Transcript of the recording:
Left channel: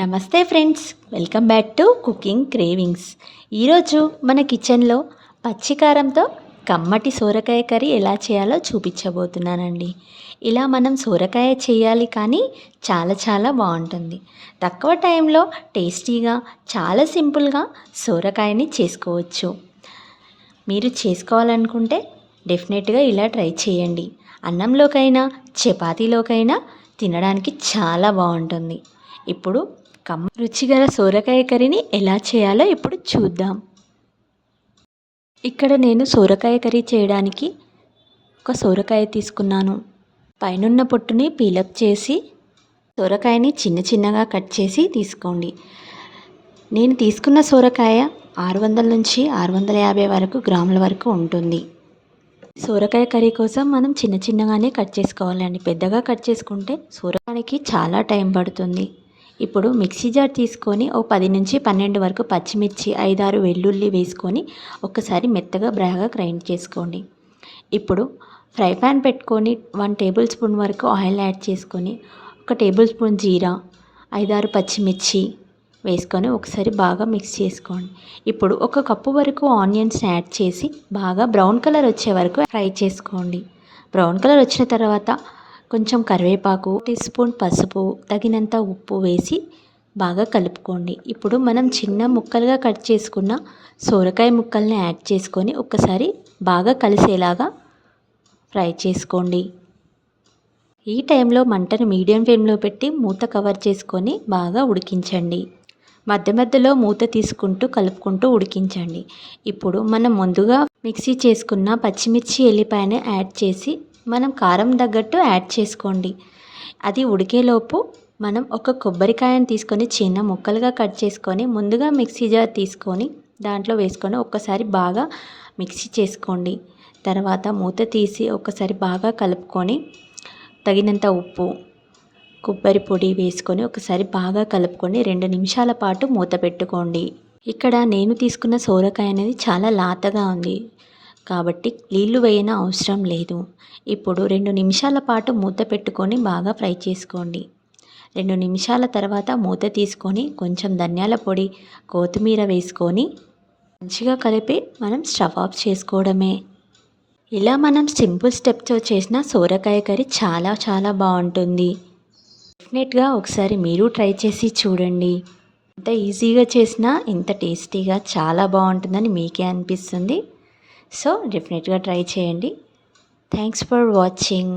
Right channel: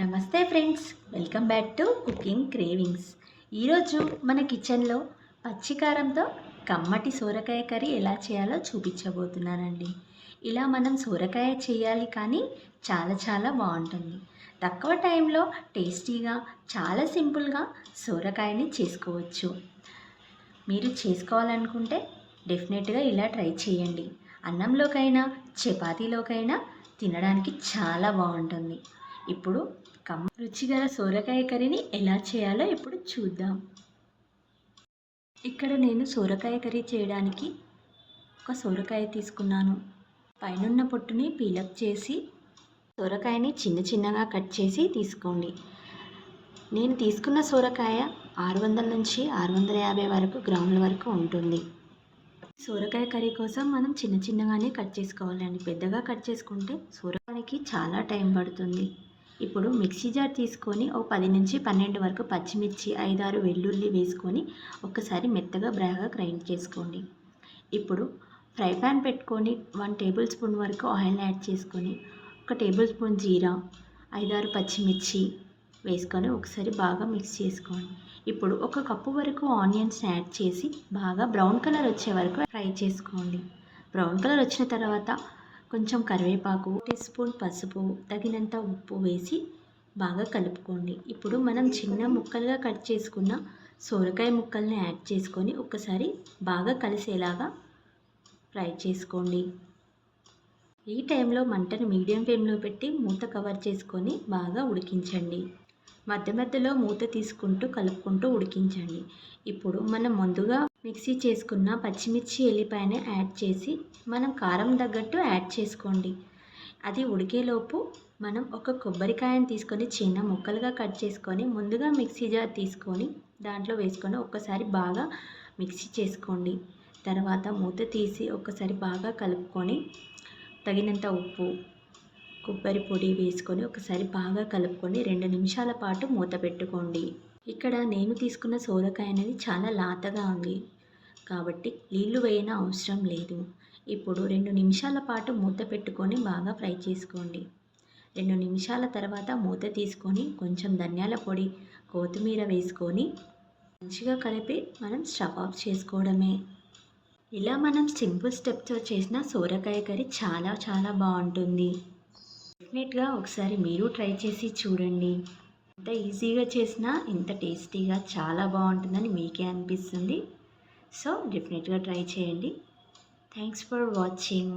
నమస్తే friends, welcome back to cooking cravings. ఈరోజు మన కిచెన్లో పచ్చికారంతో కమ్మటి సోరకాయ కర్రీ ఎలా చేయాలో చూపించబోతున్నానండి. ఇలా మనం సోరకాయ చేయాలి కానీ చాలా బాగుంటుంది. తక్కువ టైంలో టేస్టీగా చాలా సింపుల్గా సోరకాయని చేసుకోవచ్చు. మీరు చేసుకోవాలనుకుంటే డెఫినెట్గా ఇలా ట్రై చేయండి. అన్నంలోకైనా చపాతీలోకైనా తినడానికి చాలా బాగుంటుంది. ఇప్పుడు రుచిగల సోరకాయ కర్రీని ఎలా చేయాలో ఇప్పుడు చూద్దాం. ఇక్కడ నేను సోరకాయ కర్రీ చేయడానికి ఒక సోరకాయ తీసుకున్నాను. పైనున్న పొట్టుని పీలప్ చేసి సోరకాయని చిన్నగా కట్ చేసి తీసుకోండి. నేను తీసుకున్న సోరకాయ 600 నుంచి 650 వరకు గ్రాముల వరకు ఉంటుంది. సోరకాయ కర్రీ కోసం మనం చిన్నగానే కట్ చేసుకోవాలండి. పెద్దగా కట్ చేసుకుంటే సోరకాయకి చాలా టైం పడుతుంది. ఇప్పుడు మిక్సీ జార్ తీసుకొని 10 నుంచి 12 వరకు పచ్చిమిర్చి, 5-6 వెల్లుల్లి వేసుకొని ఒక్కసారి మెత్తగా బాగా గ్రైండ్ చేసుకోండి. ఇప్పుడు ఫ్రై ప్యాన్ పెట్టుకొని 1 టేబుల్ స్పూన్ వరకు ఆయిల్ యాడ్ చేసుకొని 1 టేబుల్ స్పూన్ జీరా, 5-6 పచ్చిమిర్చి వేసుకొని ఒకసారి బాగా మిక్స్ చేసుకోండి. ఇప్పుడు 1 కప్పు వరకు ఆనియన్స్ యాడ్ చేసి బాగా బ్రౌన్ కలర్ వచ్చే వరకు ఫ్రై చేసుకోండి. బ్రౌన్ కలర్ వచ్చిన తర్వాత కొంచెం కరివేపాకు, 1 టీ స్పూన్ పసుపు, తగినంత ఉప్పు వేసి బాగా కలుపుకోండి. ఇప్పుడు మనం చిన్న ముక్కలుగా కట్ చేసుకున్న సోరకాయ ముక్కల్ని యాడ్ చేసుకొని ఒక్కసారి బాగా కలిసేలాగా ఫ్రై చేసుకోండి. ఈ టైంలో మంటను మీడియం ఫ్లేమ్లో పెట్టి మూత కవర్ చేసుకొని బాగా ఉడికించండి. మధ్యలో మూత తీసుకుంటూ కలుపుకుంటూ ఉడికించండి. ఇప్పుడు మనం ముందుగా మిక్సీ చేసుకున్న పచ్చిమిర్చి, ఎల్లిపాయను యాడ్ చేసి మనం కారం తగ్గట్టు యాడ్ చేసుకోండి. అది ఉడికేలోపు మనం 1 కొబ్బరికాయను తీసుకొని చిన్న ముక్కలుగా కట్ చేసుకొని ముందుగా మిక్సీ జార్ తీసుకొని దాంట్లో వేసుకొని ఒక్కసారి బాగా మిక్సీ చేసుకోండి. తర్వాత మూత తీసి ఒకసారి బాగా కలుపుకొని తగినంత ఉప్పు, కొబ్బరి పొడి వేసుకొని ఒకసారి బాగా కలుపుకొని 2 నిమిషాల పాటు మూత పెట్టుకోండి. ఇక్కడ నేను తీసుకున్న సోరకాయ అనేది చాలా లాతగా ఉంది కాబట్టి నీళ్లు వేయన అవసరం లేదు. ఇప్పుడు 2 నిమిషాల పాటు మూత పెట్టుకొని బాగా ఫ్రై చేసుకోండి. 2 నిమిషాల తర్వాత మూత తీసుకొని కొంచెం ధనియాల పొడి, కొత్తిమీర వేసుకొని మంచిగా కలిపి మనం స్టవ్ ఆఫ్ చేసుకోవడమే. ఇలా మనం సింపుల్ స్టెప్తో చేసిన సోరకాయ కర్రీ చాలా బాగుంటుంది. డెఫినెట్గా ఒకసారి మీరు ట్రై చేసి చూడండి. ఎంత ఈజీగా చేసినా ఇంత టేస్టీగా చాలా బాగుంటుందని మీకే అనిపిస్తుంది. సో డెఫినెట్గా ట్రై చేయండి. Thanks for watching.